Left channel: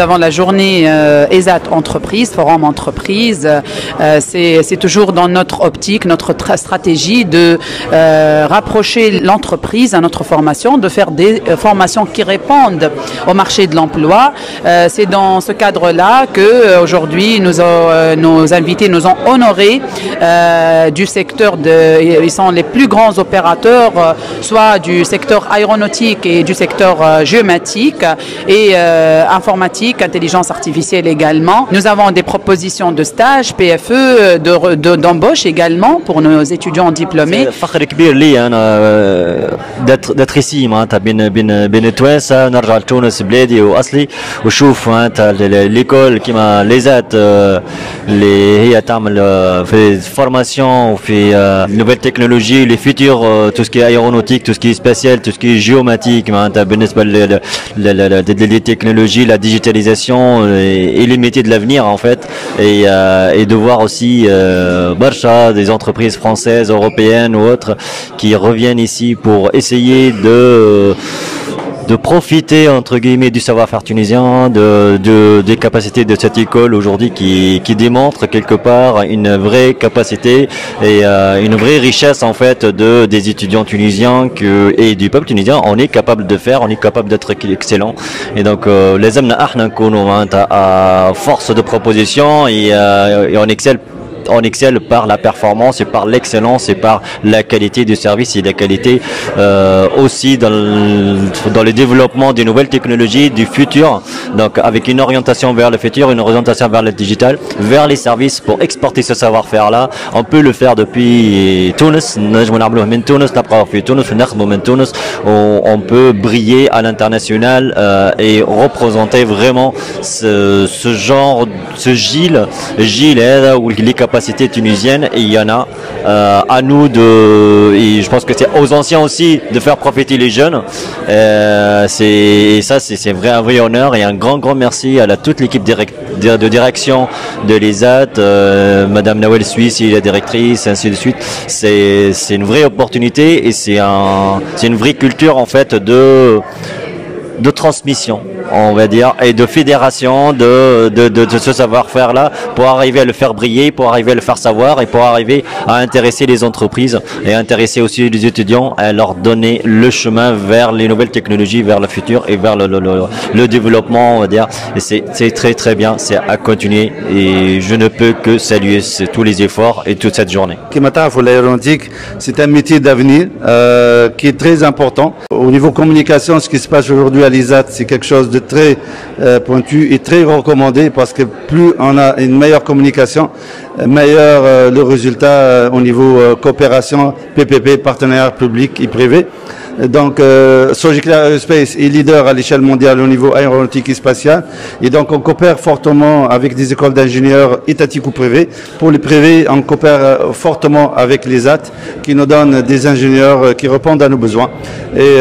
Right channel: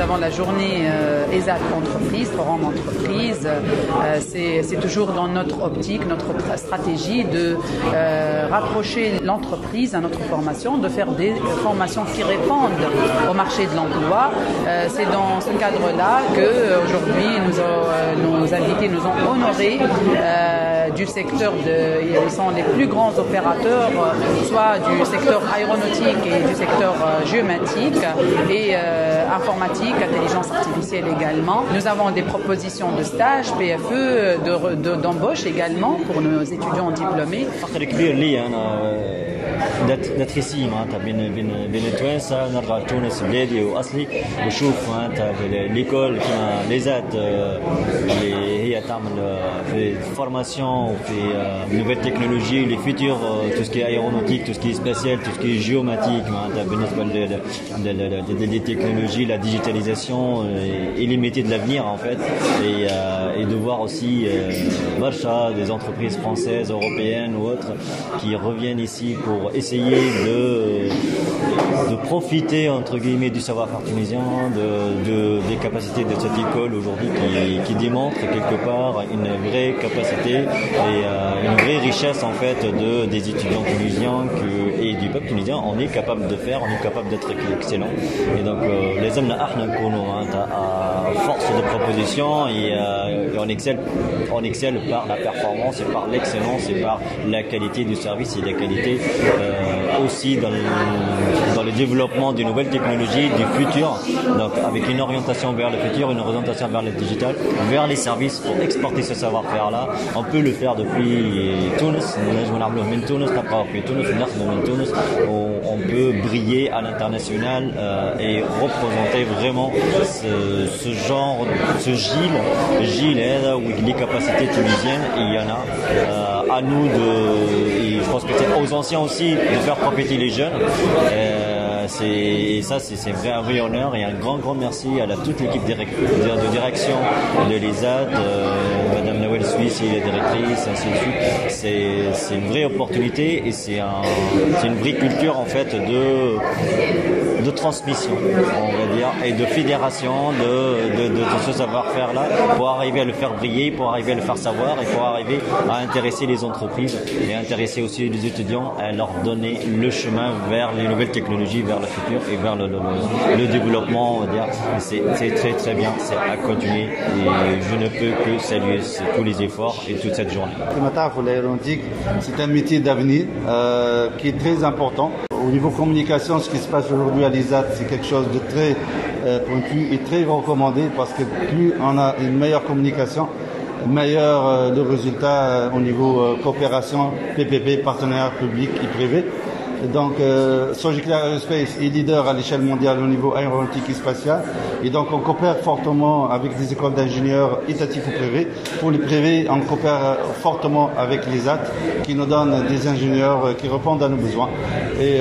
nous avons la journée ESAT Entreprise, Forum Entreprise. C'est toujours dans notre optique, notre stratégie de rapprocher l'entreprise à notre formation, de faire des formations qui répondent au marché de l'emploi. C'est dans ce cadre-là qu'aujourd'hui, nos invités nous ont honorés du secteur ils sont les plus grands opérateurs, soit du secteur aéronautique et du secteur géomatique et informatique, intelligence artificielle également. Nous avons des propositions de stage, PFE, d'embauche également pour nos étudiants diplômés. فخر كبير لي انا d'être ici معناتها بين توانسه نرجع لتونس بلادي واصلي وشوف معناتها ليكول كيما ليزات اللي هي تعمل في فورماسيون وفي نوفيل تكنولوجي لي فيتور tout ce qui est aéronautique, tout ce qui est spatial, tout ce qui est géomatique معناتها بالنسبه les technologies, la digitalisation et les métiers de l'avenir en fait et de voir aussi برشا des entreprises françaises, européennes ou autres qui reviennent ici pour essayer de profiter entre guillemets du savoir-faire tunisien, des capacités de cette école aujourd'hui qui démontre quelque part une vraie capacité et une vraie richesse en fait des étudiants tunisiens et du peuple tunisien. On est capable de faire, on est capable d'être excellent et donc les amna ahna nkunu à force de proposition et on excelle par la performance et par l'excellence et par la qualité du service et la qualité aussi dans le développement des nouvelles technologies du futur, donc avec une orientation vers le futur, une orientation vers le digital, vers les services pour exporter ce savoir-faire là. On peut le faire depuis Tunis, on peut briller à l'international et représenter vraiment ce Gilles où les capacités tunisiennes et il y en a à nous et je pense que c'est aux anciens aussi de faire profiter les jeunes. C'est un vrai honneur et un grand merci à toute l'équipe de direction de l'ESAT, Madame Nawel Suisse, la directrice, ainsi de suite. C'est une vraie opportunité et c'est une vraie culture en fait de transmission, on va dire, et de fédération de ce savoir-faire là pour arriver à le faire briller, pour arriver à le faire savoir et pour arriver à intéresser les entreprises et intéresser aussi les étudiants à leur donner le chemin vers les nouvelles technologies, vers le futur et vers le développement, on va dire. Et c'est très bien, c'est à continuer et je ne peux que saluer tous les efforts et toute cette journée. L'aéronautique, c'est un métier d'avenir qui est très important. Au niveau communication, ce qui se passe aujourd'hui à l'ESAT, c'est quelque chose de très pointu et très recommandé parce que plus on a une meilleure communication, meilleur le résultat au niveau coopération, PPP, partenariat public et privé. Donc, Sogeclair Aerospace est leader à l'échelle mondiale au niveau aéronautique et spatial. Et donc, on coopère fortement avec des écoles d'ingénieurs étatiques ou privées. Pour les privés, on coopère fortement avec l'ESAT qui nous donne des ingénieurs qui répondent à nos besoins. Et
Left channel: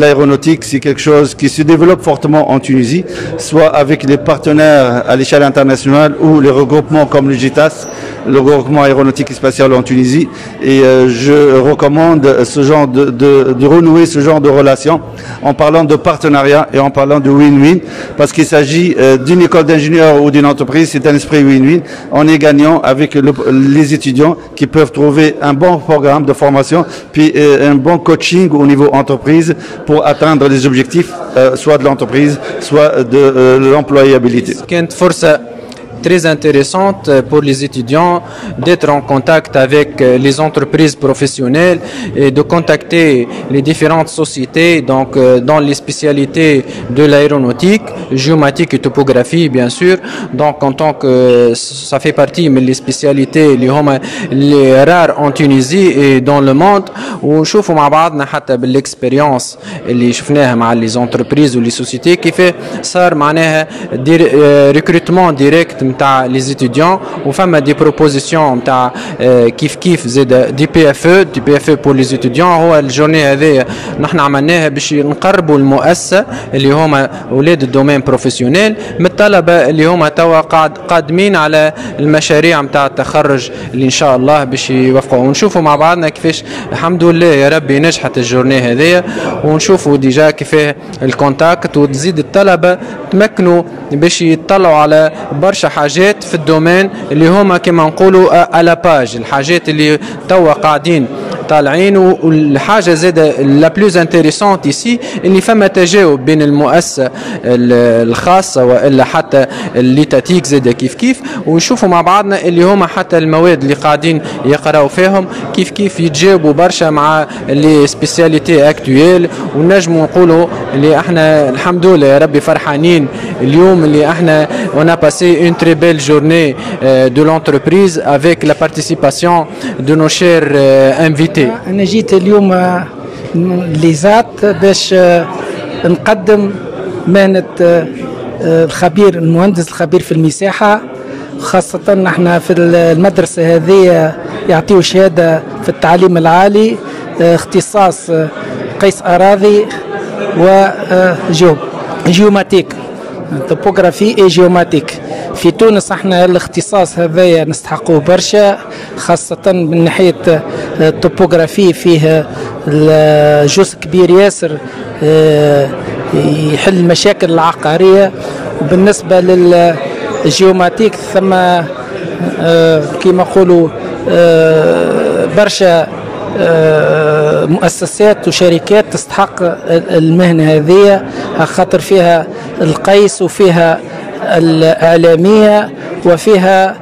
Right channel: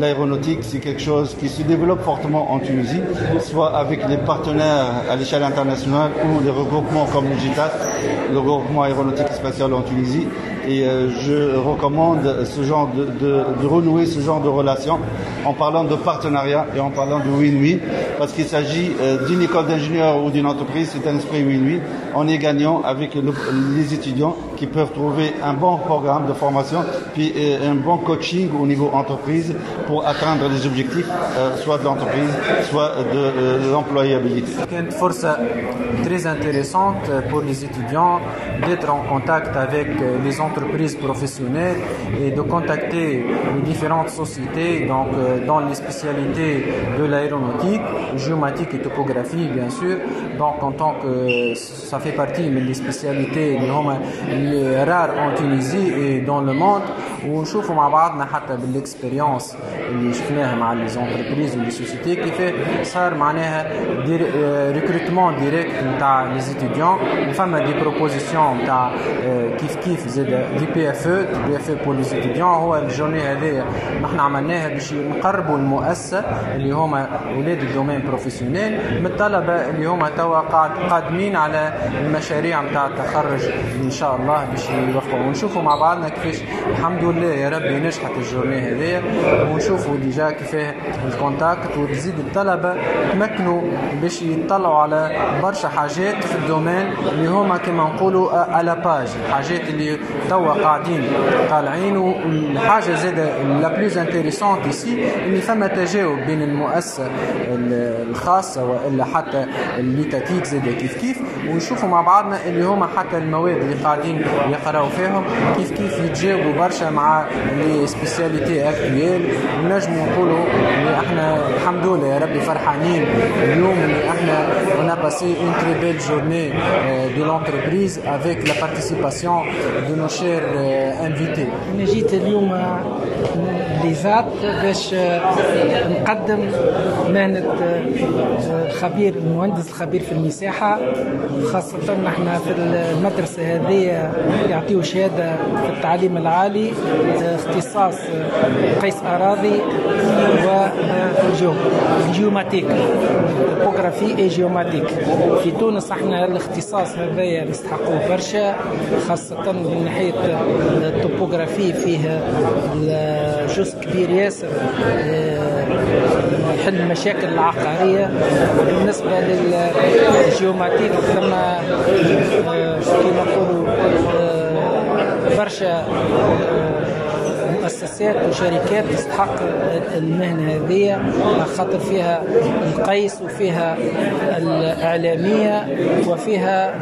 l'aéronautique, c'est quelque chose qui se développe fortement en Tunisie, soit avec les partenaires à l'échelle internationale ou les regroupements comme le GITAS, le regroupement aéronautique et spatial en Tunisie. Et je recommande ce genre de renouer ce genre de relation en parlant de partenariat et en parlant de win-win, parce qu'il s'agit d'une école d'ingénieurs ou d'une entreprise, c'est un esprit win-win. On est gagnant avec les étudiants qui peuvent trouver un bon programme de formation, puis un bon coaching au niveau entreprise pour atteindre les objectifs, soit de l'entreprise, soit de l'employabilité. Très intéressante pour les étudiants d'être en contact avec les entreprises professionnelles et de contacter les différentes sociétés donc dans les spécialités de l'aéronautique, géomatique et topographie bien sûr. Donc en tant que ça fait partie mais les spécialités les rares en Tunisie et dans le monde ونشوفوا مع بعضنا حتى بالاكسبيرينس اللي شفناها مع les entreprises ou les sociétés كيف صار معناها ريكروتمون ديريكت كونتاكت نتاع لي زيتيديون وفما دي بروبوزيسيون نتاع كيف زاد دي بي اف او بور لي زيتيديون. هو الجورني هذه نحن عملناها باش نقربوا المؤسسه اللي هما اولاد الدومين بروفيسيونيل من الطلبه اللي هما توا قادمين على المشاريع نتاع التخرج اللي ان شاء الله باش يوفقوا. ونشوفوا مع بعضنا كيفاش الحمد لله يا ربي نجحت الجورني هذه، ونشوفوا ديجا كيفاه الكونتاكت وتزيد الطلبه تمكنوا باش يطلعوا على برشا حاجات في الدومين اللي هما كما نقولوا على باج، الحاجات اللي توا قاعدين طالعين. والحاجه زاده لا بلوز انتريسونت ايسي اللي فما تجاوب بين المؤسسه الخاصه والا حتى الليتاتيك زاده كيف ونشوفوا مع بعضنا اللي هما حتى المواد اللي قاعدين يقراوا فيهم كيف يتجاوبوا برشا مع لي سبيسياليتي اكتويل. ونجموا نقولوا اللي احنا الحمد لله يا ربي فرحانين اليوم اللي احنا on a passé une très belle journée de l'entreprise avec la participation de nos chers invités. أنا جيت اليوم ليزات باش نقدم مهنة الخبير المهندس الخبير في المساحة، خاصة نحن في المدرسة هذه يعطيو شهادة في التعليم العالي اختصاص قيس أراضي وجيوماتيك توبوغرافي اي جيوماتيك. في تونس احنا الاختصاص هذايا نستحقوه برشا، خاصة من ناحية التوبوغرافي فيه جزء كبير ياسر يحل المشاكل العقارية. بالنسبة للجيوماتيك ثم كما نقولوا برشا مؤسسات وشركات تستحق المهنة هذه، خاطر فيها القيس وفيها الإعلامية وفيها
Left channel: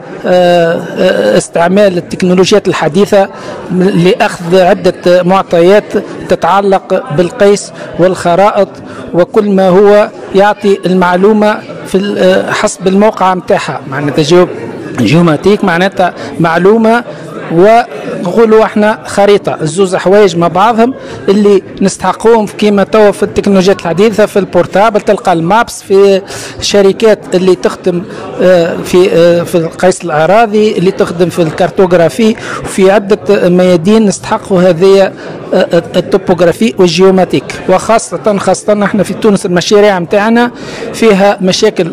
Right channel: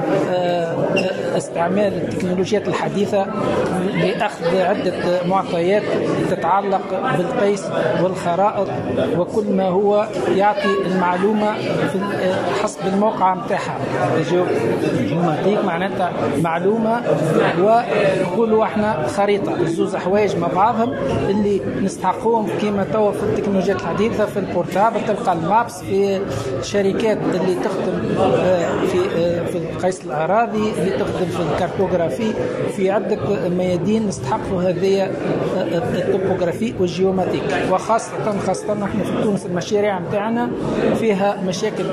استعمال التكنولوجيات الحديثة لأخذ عدة معطيات تتعلق بالقيس والخرائط وكل ما هو يعطي المعلومة في حسب الموقع متاعها. معناتها جيوماتيك معناتها معلومة ونقولوا احنا خريطة، الزوز حوايج مع بعضهم اللي نستحقوهم كيما توا في التكنولوجيات الحديثة في البورتابل تلقى المابس في الشركات اللي تخدم في قيس الأراضي اللي تخدم في الكارتوغرافي وفي عدة ميادين نستحقوا هذه التوبوغرافي والجيوماتيك. وخاصة احنا في تونس المشاريع متاعنا فيها مشاكل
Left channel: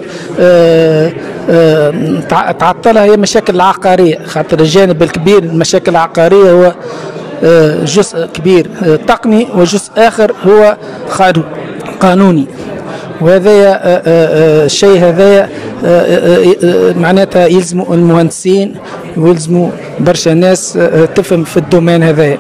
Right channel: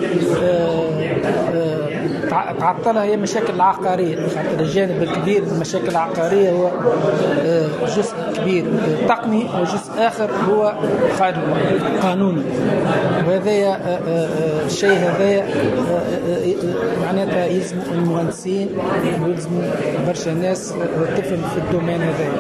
تعطلها هي مشاكل عقارية، خاطر الجانب الكبير المشاكل العقارية هو جزء كبير تقني وجزء آخر هو قانوني. وهذا الشيء هذا معناتها يلزموا المهندسين ويلزموا برشا ناس تفهم في الدومين هذا.